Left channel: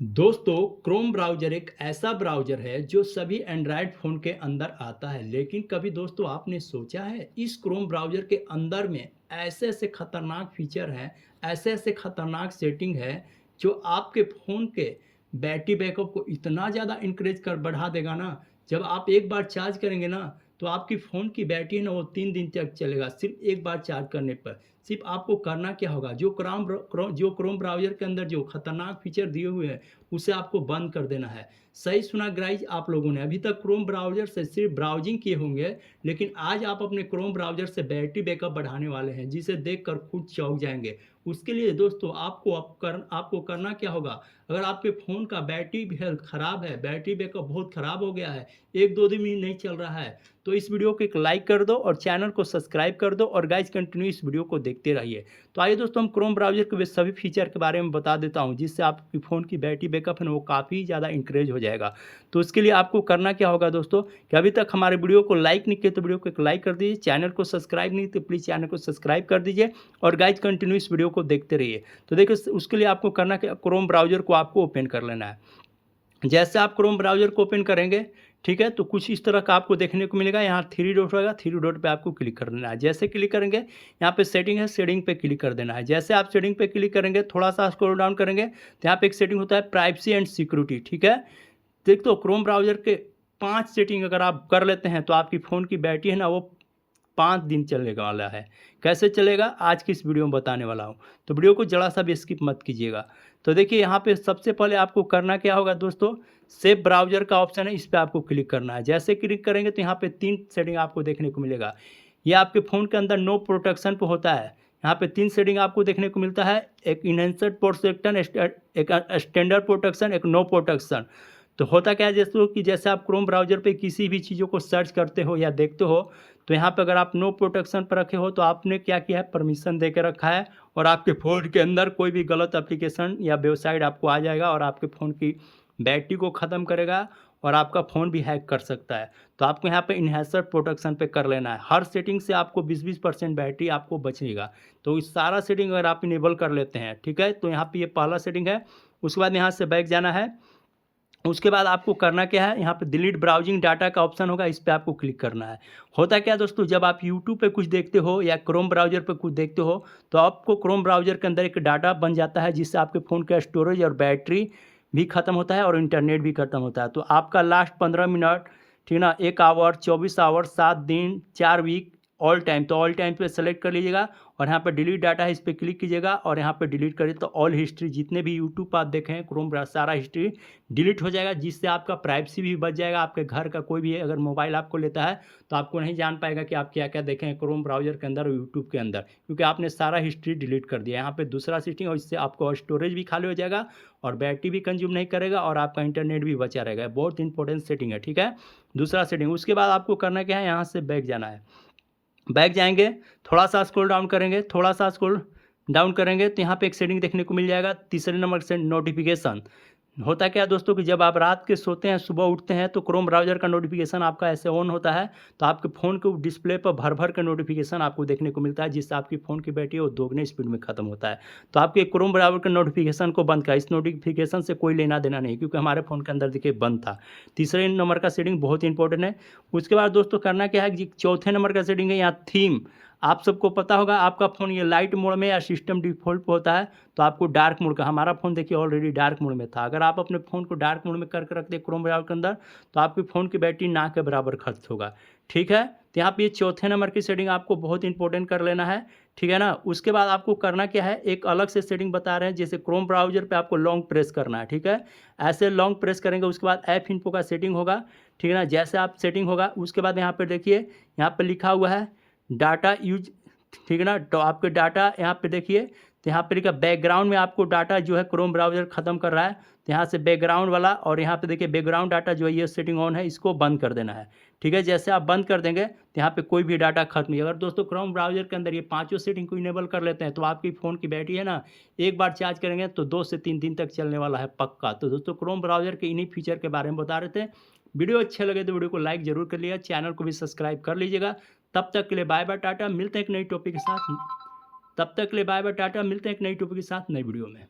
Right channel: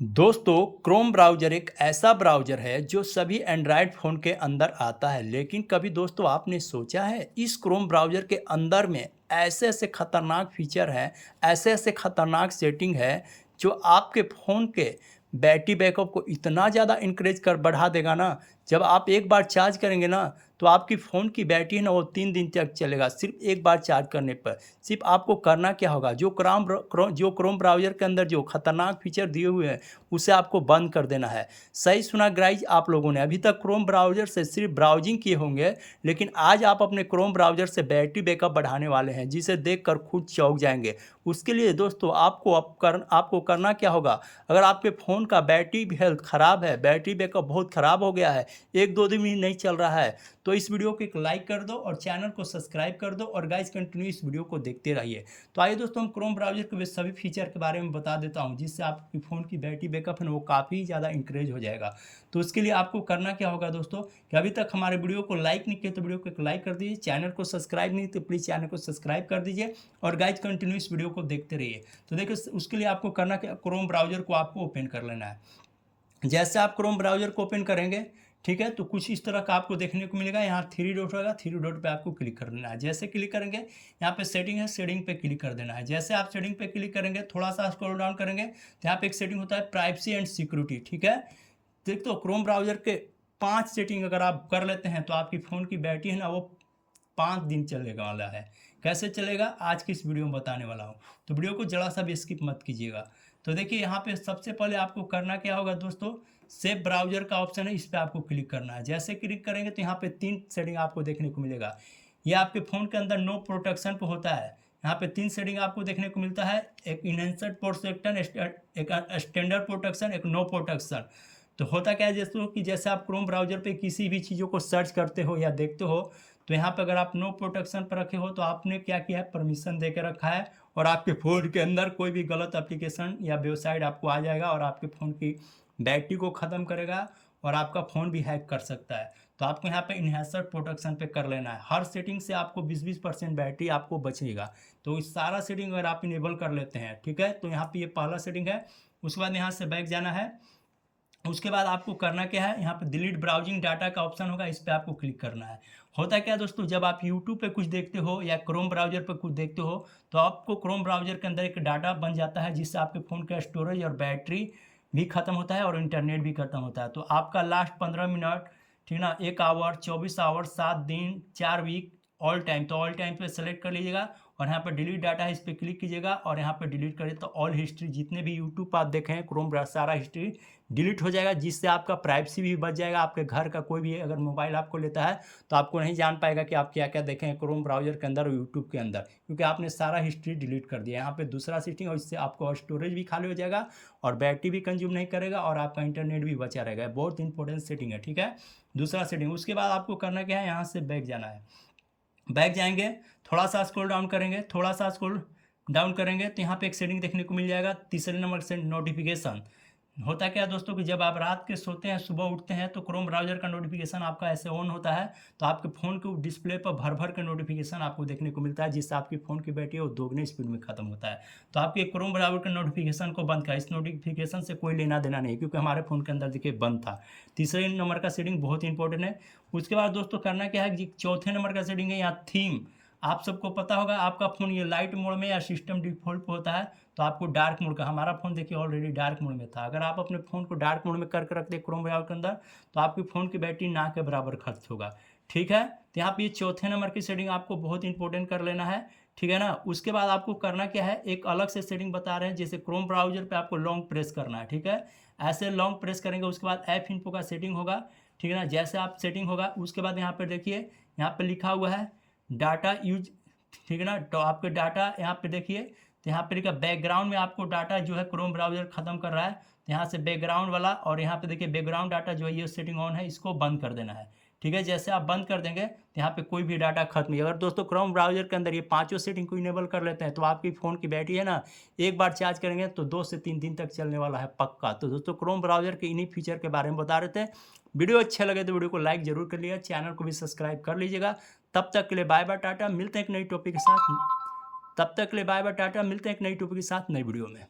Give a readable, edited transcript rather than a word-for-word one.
दोस्तों, Chrome browser एक ऐसा ब्राउज़र है जो सभी एंड्रॉयड फ़ोन के अंदर आता है। लेकिन कभी दोस्तों आपने सोचा है इस क्रोम ब्राउज़र के अंदर में ऐसे-ऐसे खतरनाक फ़ीचर हैं, ऐसे-ऐसे खतरनाक सेटिंग है जो आपके फ़ोन के बैटरी बैकअप को इतना ज़्यादा इंक्रीज़ कर बढ़ा देगा ना, जब आप एक बार चार्ज करेंगे ना, तो आपकी फ़ोन की बैटरी है ना वो 3 दिन तक चलेगा सिर्फ़ एक बार चार्ज करने पर। सिर्फ़ आपको करना क्या होगा, जो क्रोम ब्राउज़र के अंदर जो खतरनाक फ़ीचर दिए हुए हैं उसे आपको बंद कर देना है। सही सुना गाइज़ आप लोगों ने, अभी तक क्रोम ब्राउज़र से सिर्फ़ ब्राउज़िंग किए होंगे, लेकिन आज आप अपने क्रोम ब्राउज़र से बैटरी बैकअप बढ़ाने वाले हैं, जिसे देखकर खुद चौंक जाएँगे। उसके लिए दोस्तों आपको करना क्या होगा, अगर आपके फ़ोन का बैटरी हेल्थ ख़राब है, बैटरी बैकअप बहुत ख़राब हो गया है, 1-2 दिन भी नहीं चल रहा है, तो इस वीडियो को एक लाइक कर दो और चैनल को सब्सक्राइब कर दो और गाइज़ कंटिन्यू इस वीडियो को देखते रहिए। तो आइए दोस्तों हम क्रोम ब्राउज़र के वे सभी फीचर के बारे में बता देता हूँ, जिससे आपकी फ़ोन की बैटरी बैकअप है ना वो काफ़ी ज़्यादा इंक्रीज़ हो जाएगा। तो उसके लिए आपको करना क्या होगा दोस्तों, कि अभी तक हमारे वीडियो को लाइक नहीं किए तो वीडियो को एक लाइक कर दीजिए, चैनल को सब्सक्राइब नहीं तो प्लीज़ चैनल को सब्सक्राइब कर दीजिए और गाइज़ कंटिन्यू इस वीडियो को देखते रहिए। तो देखिए उसके लिए आपको करना क्या, क्रोम ब्राउज़र को आपको ओपन कर लेना है। जैसे आप क्रोम ब्राउज़र को ओपन करेंगे, ठीक है, तो कुछ इस तरह का आपको देखने को मिलेगा। यहाँ थ्री डॉट होगा, थ्री डॉट पे आपको क्लिक कर देना है। जैसे क्लिक करेंगे, यहाँ पे सेटिंग है, सेटिंग पे क्लिक कर देना है। जैसे आप सेटिंग पे क्लिक करेंगे, थोड़ा सा स्क्रॉल डाउन करेंगे तो यहाँ पे एक सेटिंग होता है प्राइवेसी एंड सिक्योरिटी, ठीक है। देख तो क्रोम ब्राउज़र के 5 सेटिंग अगर आप कर लेते हैं तो आपकी फ़ोन की बैटरी है ना वो 5 दिन चलने वाला है। कैसे चलेगा आज की इस वीडियो में बताने वाला हूँ। तो वीडियो को ज़रा सा भी स्किप मत कीजिएगा। तो देखिए यहाँ पे सबसे पहले आपको करना क्या होगा दोस्तों, सेव ब्राउज़र का ऑप्शन है, इस पे आपको क्लिक करना है। जैसे क्लिक करेंगे तो यहाँ पे 3 सेटिंग आपको देखने को मिलेगा। ये आपके फ़ोन के अंदर नो प्रोटेक्शन पे होता है। यहाँ पे 3 सेटिंग आपको देखने को मिलता है, एक इनहेंस्ड प्रोटेक्शन, एक स्टैंडर्ड प्रोटेक्शन, एक नो प्रोटेक्शन। तो होता क्या है दोस्तों कि जैसे आप क्रोम ब्राउज़र पे किसी भी चीज़ों को सर्च करते हो या देखते हो, तो यहाँ पे अगर आप नो प्रोटेक्शन पर रखे हो तो आपने क्या किया है, परमिशन दे के रखा है और आपके फ़ोन के अंदर कोई भी गलत एप्लीकेशन या वेबसाइट आपको आ जाएगा और आपके फ़ोन की बैटरी को ख़त्म करेगा और आपका फ़ोन भी हैक कर सकता है। तो आपको यहाँ पे इन्हेंसर प्रोटेक्शन पे कर लेना है। हर सेटिंग से आपको 20-20% बैटरी आपको बचेगा। तो इस सारा सेटिंग अगर आप इनेबल कर लेते हैं, ठीक है, तो यहाँ पे ये पहला सेटिंग है। उसके बाद यहाँ से बैक जाना है। उसके बाद आपको करना क्या है, यहाँ पे डिलीट ब्राउजिंग डाटा का ऑप्शन होगा, इस पे आपको क्लिक करना है। होता क्या है दोस्तों, जब आप यूट्यूब पे कुछ देखते हो या क्रोम ब्राउज़र पे कुछ देखते हो, तो आपको क्रोम ब्राउज़र के अंदर एक डाटा बन जाता है, जिससे आपके फ़ोन का स्टोरेज और बैटरी भी ख़त्म होता है और इंटरनेट भी ख़त्म होता है। तो आपका लास्ट 15 मिनट, ठीक है ना, 1 आवर, 24 आवर, 7 दिन, 4 वीक, ऑल टाइम, तो ऑल टाइम पे सेलेक्ट कर लीजिएगा और यहाँ पे डिलीट डाटा है, इस पे क्लिक कीजिएगा और यहाँ पे डिलीट करिए तो ऑल हिस्ट्री जितने भी यूट्यूब आप देखे हैं क्रोम ब्राउज़र सारा हिस्ट्री डिलीट हो जाएगा, जिससे आपका प्राइवेसी भी बच जाएगा। आपके घर का कोई भी अगर मोबाइल आपको लेता है तो आपको नहीं जान पाएगा कि आप क्या-क्या देखे हैं क्रोम ब्राउज़र के अंदर और यूट्यूब के अंदर, क्योंकि आपने सारा हिस्ट्री डिलीट कर दिया। यहाँ पे दूसरा सेटिंग, और इससे आपको स्टोरेज भी खाली हो जाएगा और बैटरी भी कंज्यूम नहीं करेगा और आपका इंटरनेट भी बचा रहेगा। बहुत इंपॉर्टेंट सेटिंग है, ठीक है। दूसरा सेटिंग, उसके बाद आपको करना क्या है, यहाँ से बैक जाना है। बैक जाएँगे, थोड़ा-सा स्क्रॉल डाउन करेंगे, थोड़ा-सा स्क्रॉल डाउन करेंगे तो यहाँ पे एक सेटिंग देखने को मिल जाएगा, तीसरे नंबर से नोटिफ़िकेशन। होता क्या है दोस्तों कि जब आप रात के सोते हैं, सुबह उठते हैं तो क्रोम ब्राउज़र का नोटिफ़िकेशन आपका ऐसे ऑन होता है, तो आपके फ़ोन के डिस्प्ले पर भर-भर के नोटिफ़िकेशन आपको देखने को मिलता है, जिससे आपकी फ़ोन की बैटरी वो दोगुने स्पीड में खत्म होता है। तो आपके क्रोम ब्राउज़र के नोटिफ़िकेशन को बंद करें, इस नोटिफ़िकेशन से कोई लेना-देना नहीं, क्योंकि हमारे फ़ोन के अंदर देखिए बंद था। तीसरे नंबर का सेटिंग बहुत इंपॉर्टेंट है। उसके बाद दोस्तों करना क्या है कि चौथे नंबर का सेटिंग है यहाँ थीम। आप सबको पता होगा आपका फ़ोन ये लाइट मोड में या सिस्टम डिफ़ॉल्ट पे होता है, तो आपको डार्क मोड का, हमारा फ़ोन देखिए ऑलरेडी डार्क मोड में था। अगर आप अपने फ़ोन को डार्क मोड में करके रखते हैं क्रोम ब्राउज़र के अंदर, तो आपके फ़ोन की बैटरी ना के बराबर खर्च होगा, ठीक है। तो यहाँ पे ये चौथे नंबर की सेटिंग आपको बहुत इंपॉर्टेंट कर लेना है, ठीक है ना। उसके बाद आपको करना क्या है, एक अलग से सेटिंग बता रहे हैं, जैसे क्रोम ब्राउज़र पे आपको लॉन्ग प्रेस करना है, ठीक है। ऐसे लॉन्ग प्रेस करेंगे, उसके बाद ऐप इन्फो का सेटिंग होगा, ठीक है ना। जैसे आप सेटिंग होगा उसके बाद यहाँ पे देखिए, यहाँ पे लिखा हुआ है डाटा यूज़, ठीक है ना। तो आपके डाटा यहाँ पे देखिए, तो यहाँ पे लिखा बैकग्राउंड में आपको डाटा जो है क्रोम ब्राउज़र ख़त्म कर रहा है, तो यहाँ से बैकग्राउंड वाला, और यहाँ पे देखिए बैकग्राउंड डाटा जो है ये सेटिंग ऑन है, इसको बंद कर देना है, ठीक है। जैसे आप बंद कर देंगे तो यहाँ पे कोई भी डाटा खत्म नहीं। अगर दोस्तों क्रोम ब्राउज़र के अंदर ये पाँचों सेटिंग को इनेबल कर लेते हैं तो आपकी फ़ोन की बैटरी है ना, एक बार चार्ज करेंगे तो 2 से 3 दिन तक चलने वाला है पक्का। तो दोस्तों क्रोम ब्राउज़र के इन्हीं फीचर के बारे में बता रहे थे। वीडियो अच्छे लगे तो वीडियो को लाइक ज़रूर कर लिएगा, चैनल को भी सब्सक्राइब कर लीजिएगा। तब तक के लिए बाय बाय टाटा, मिलते हैं एक नई टॉपिक के साथ। तब तक के लिए बाय बाय टाटा, मिलते हैं एक नई टॉपिक के साथ नई वीडियो में।